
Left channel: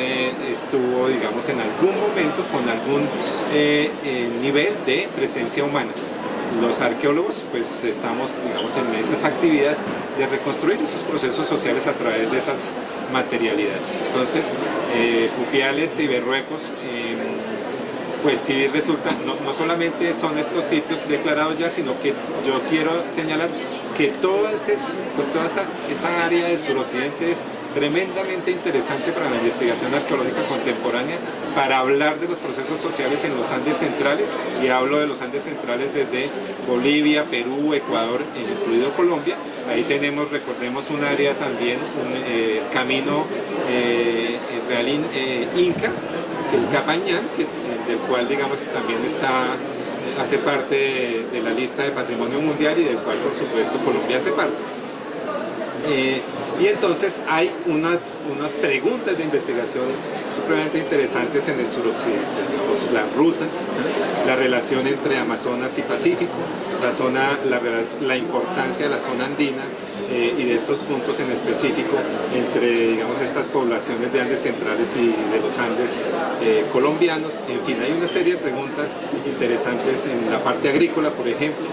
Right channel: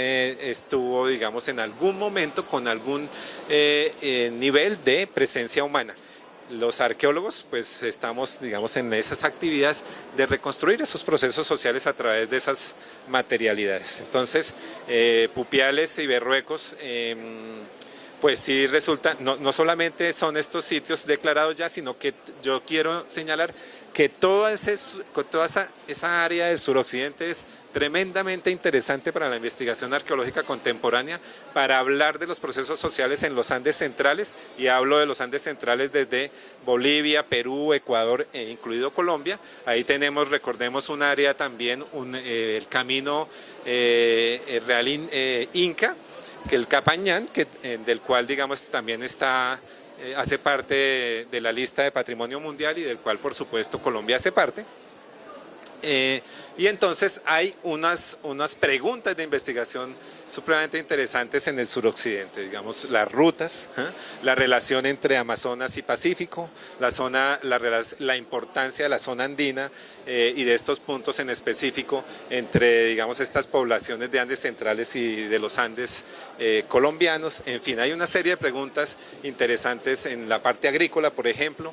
estuvo, digamos, en algún momento con algún nivel de presencia humana. Los arqueólogos pues estamos, digamos, en esas actividades de reconstruir esos procesos sociales a través de esas materialidades. Entonces, Pupiales y Berruecos, pues sí resulta, no solamente son estos sitios declarados ya, sino que yo quiero señalar que toda esa área del suroccidente es tremendamente interesante para la investigación arqueológica contemporánea, para hablar de los procesos sociales en los Andes centrales, y hablo de los Andes centrales desde Bolivia, Perú, Ecuador, incluido Colombia. Ahí tenemos, recordemos, un área también, el camino real Inca, el Capañán, del cual, digamos, también hace parte de la lista de Patrimonio Mundial, y del cual por supuesto Colombia hace parte. Y entonces hay unas preguntas de investigación supremamente interesantes en el suroccidente, digamos, las rutas, la relación entre Amazonas y Pacífico, la importancia de la zona andina y de estos puntos en específico entre, digamos, estas poblaciones de Andes centrales y de los Andes colombianos. En fin, hay una serie de preguntas interesantes en la parte agrícola, por ejemplo,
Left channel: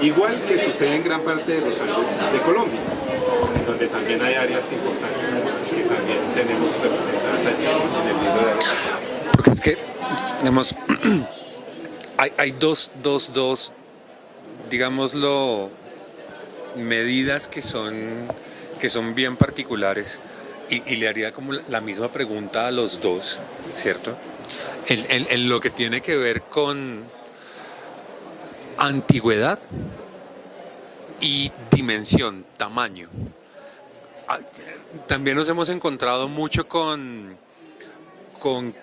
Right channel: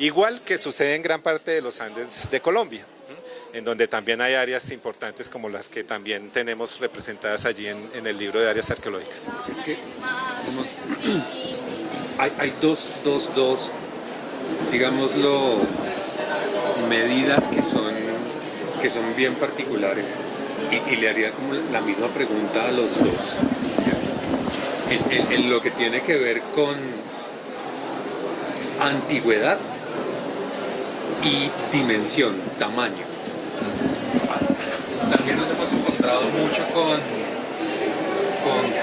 igual que sucede en gran parte de los Andes de Colombia, en donde también hay áreas importantes como las que también tenemos representadas allí en el libro de áreas arqueológicas. Porque es que, digamos, hay dos, digámoslo, medidas que son bien particulares, y le haría como la misma pregunta a los dos, ¿cierto? En lo que tiene que ver con antigüedad y dimensión, tamaño. También nos hemos encontrado mucho con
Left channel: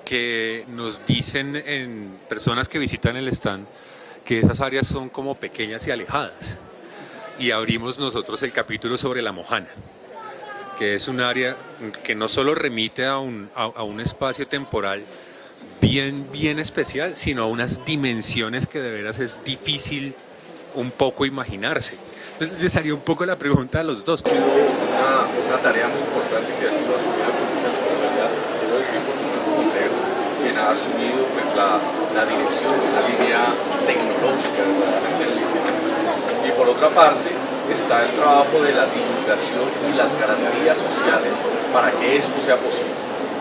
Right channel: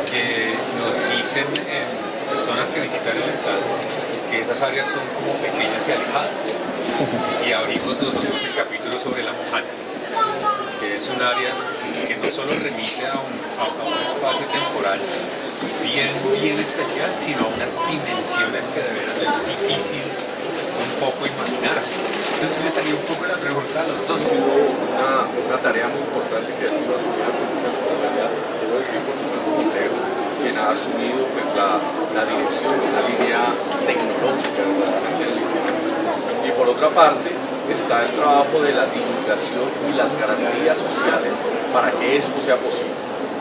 que nos dicen en personas que visitan el estado porque esas áreas son como pequeñas y alejadas. Y abrimos nosotros el capítulo sobre la Mojana, que es un área que no solo remite a un espacio temporal bien especial, sino a unas dimensiones que de veras es difícil un poco imaginarse. Entonces le salió un poco la pregunta a los dos. Una tarea muy importante que ha sido asumida con mucha responsabilidad, debo decir, por Fernando Montero, quien ha asumido pues, la dirección de una línea tecnológica verdaderamente en el instituto. Y por otra parte está el trabajo de la divulgación y las garantías sociales para que esto sea posible.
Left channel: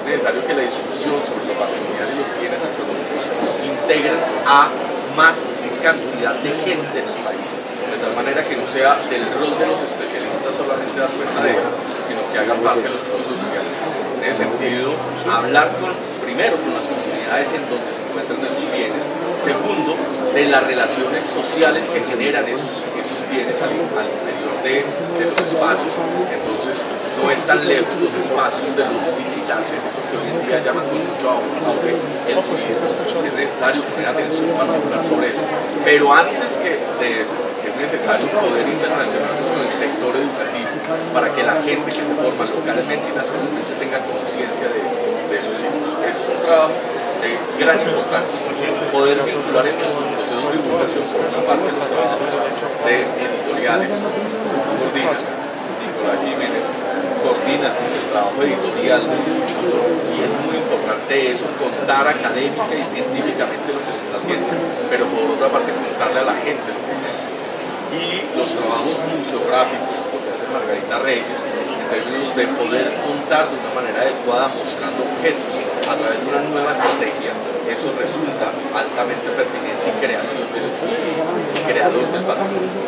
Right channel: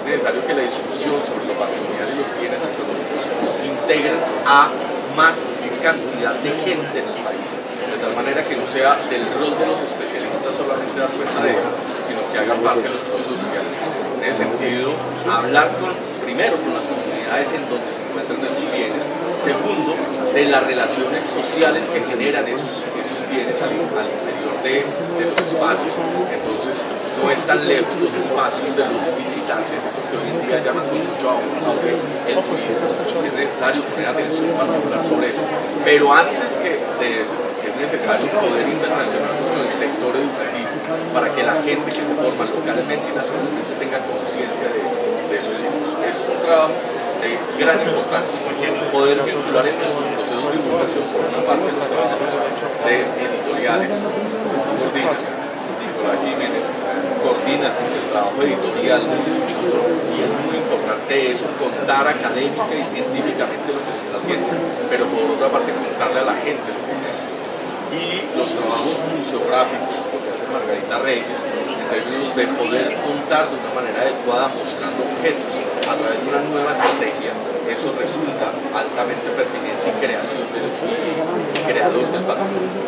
Es necesario que la discusión sobre lo patrimonial y los bienes arqueológicos integren a más cantidad de gente en el país, de tal manera que no sea del rol de los especialistas solamente dar cuenta de ello, sino que hagan parte de los procesos sociales. En ese sentido, hablar primero con las comunidades en donde se encuentran esos bienes, segundo, de las relaciones sociales que generan esos bienes al interior de los espacios. Entonces, no es tan lejos los espacios de los visitantes, eso que hoy en día llaman con mucho auge el turismo. Es necesario poner atención particular sobre eso, pero antes que de eso, es necesario poder interrelacionarnos con el sector educativo para que la gente que se forma localmente y nacionalmente tenga conciencia de esos sitios. Eso es un trabajo de gran importancia, poder vincular en nuestros procesos de divulgación por una parte los trabajos de editoriales, Gordinas, Nicolás Jiménez coordina el trabajo editorial del instituto y es muy importante eso, contar académica y científicamente lo que se está haciendo, pero por otra parte contarle a la gente lo que se hace. Y los trabajos museográficos, lo que hace Margarita Reyes, en términos de poder contar de una manera adecuada mostrando objetos a través de una nueva estrategia, eso resulta altamente pertinente y creación del creador del patrimonio.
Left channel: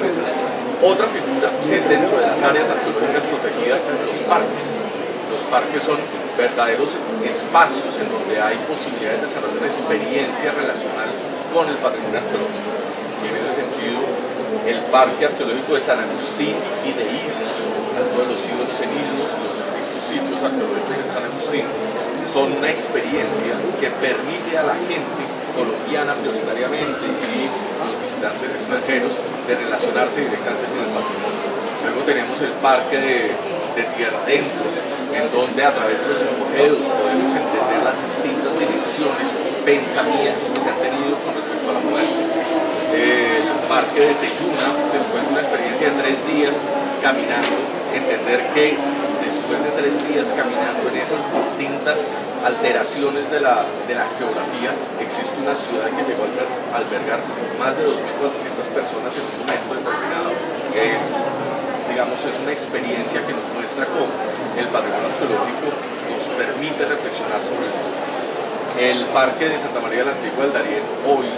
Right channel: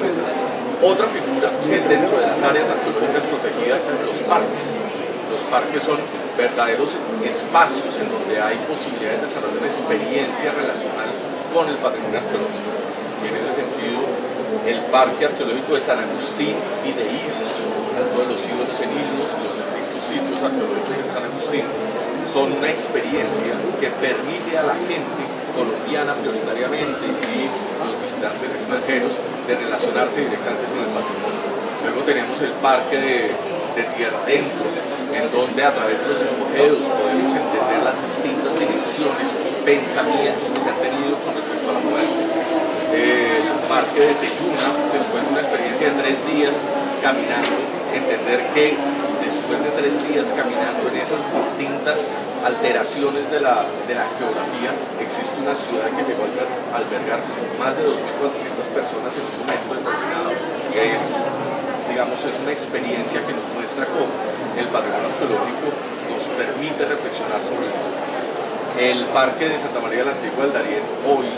Otra figura es dentro de las áreas arqueológicas protegidas, los parques. Los parques son verdaderos espacios en donde hay posibilidad de desarrollar una experiencia relacional con el patrimonio arqueológico. Y en ese sentido, el Parque Arqueológico de San Agustín y de Isnos, tanto de los ídolos en Isnos y los distintos sitios arqueológicos en San Agustín, son una experiencia que permite a la gente colombiana prioritariamente y los visitantes extranjeros de relacionarse directamente con el patrimonio. Luego tenemos el Parque de Tierra Adentro, en donde a través de los hipogeos podemos entender las distintas dimensiones, pensamientos que se han tenido con respecto a la muerte. El Parque de Teyuna, después de una experiencia de 3 días caminando, entender que después de 3 días caminando en esas distintas alteraciones de la geografía, existe una ciudad que llegó a albergar más de 2.400 personas en un momento determinado. Es una experiencia que nos muestra cómo el patrimonio arqueológico nos permite reflexionar sobre el mundo. El Parque de Santa María de la Antigua del Darién hoy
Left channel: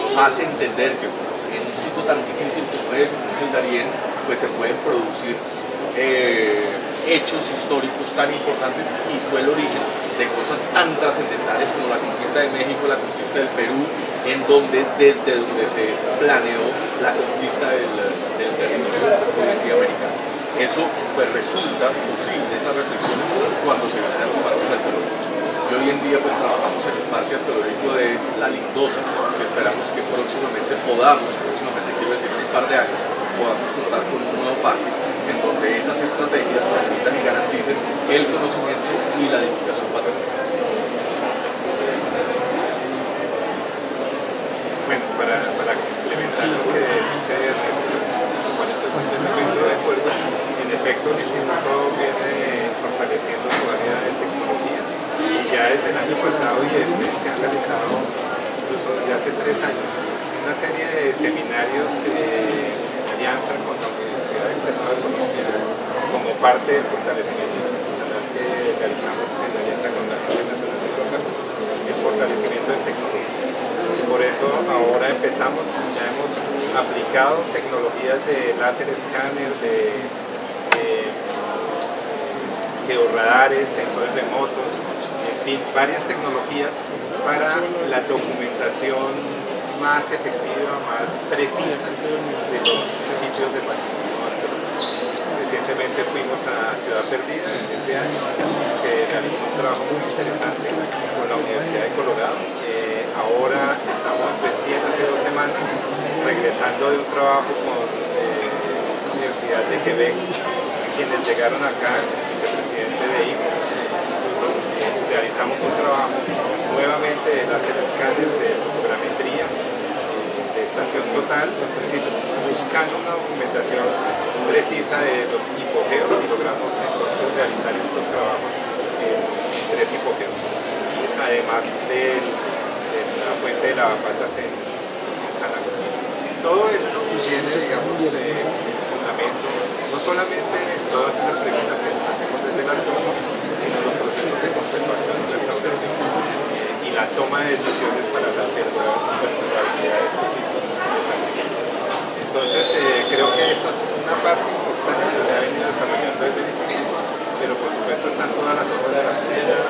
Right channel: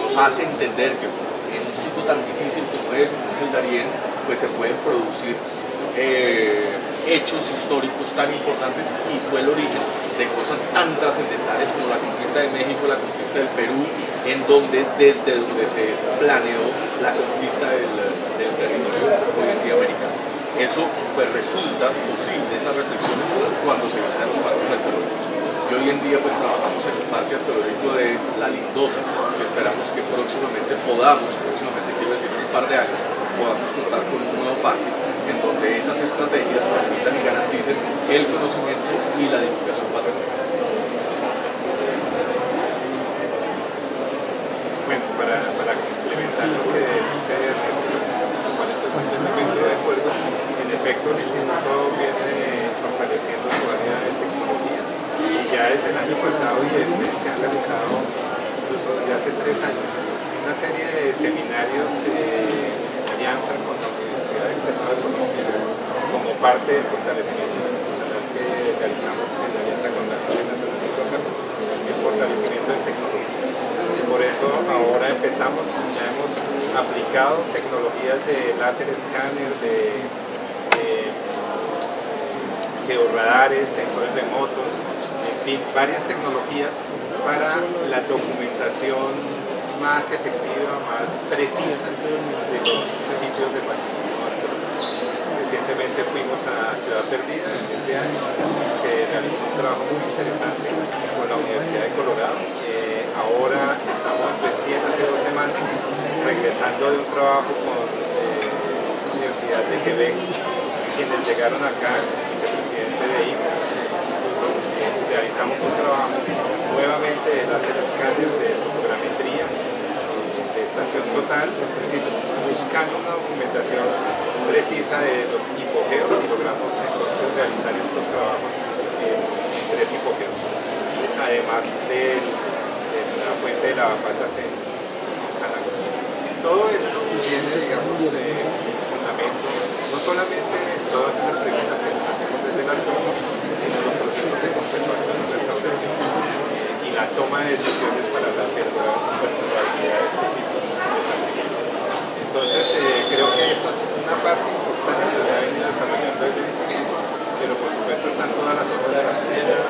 nos hace entender que en un sitio tan difícil como es el Darién, pues se pueden producir hechos históricos tan importantes y fue el origen de cosas tan trascendentales como la conquista de México, la conquista del Perú, desde donde se planeó la conquista del territorio hoy en día americano. Eso pues resulta posible, esas reflexiones, cuando se visitan los parques arqueológicos. Y hoy en día pues trabajamos en el Parque Arqueológico de La Lindosa, que esperamos que próximamente quiero decir en un par de años, podamos contar con un nuevo parque en donde esas estrategias permitan y garanticen el conocimiento y la divulgación patrimonial. Bueno, para complementar lo que dice Ernesto, con cual estoy completamente de acuerdo, en efecto el instituto viene fortaleciendo su área de tecnologías y ya desde el año pasado y se han realizado incluso desde hace 3 años una serie de seminarios en alianza con la Universidad Externada de Colombia como parte del fortalecimiento institucional que realizamos en alianza con la Agencia Nacional de Hidrocarburos, el fortalecimiento de tecnologías. Y por eso ahora ya hemos aplicado tecnologías de láser escáner, de georradares, sensores remotos, en fin, varias tecnologías para la documentación más efectiva, más precisa de los sitios de patrimonio arqueológico. Recientemente fuimos a Ciudad Perdida este año y se realizó un trabajo muy interesante con la Universidad de Colorado. Ahora estamos recién hace 2 semanas semanas, regresando de un trabajo con la Universidad de Quebec, quienes llegaron acá, el vicepresidente de ICO, incluso realizamos un trabajo nuevamente de láser escáner de fotogrametría de estación total, es decir, buscando una documentación precisa de los hipogeos, y logramos entonces realizar estos trabajos en 3 hipogeos, además de la fuente de lavapatas en San Agustín. Todo esto tiene, digamos, fundamento, no solamente en todas esas preguntas que nos hacemos desde el arqueólogo, sino en los procesos de conservación y restauración y la toma de decisiones para la perdurabilidad de estos sitios de patrimonio. Entonces, creo que esto es una parte importante que se ha venido desarrollando desde el instituto, pero por supuesto están todas las obras de la sociedad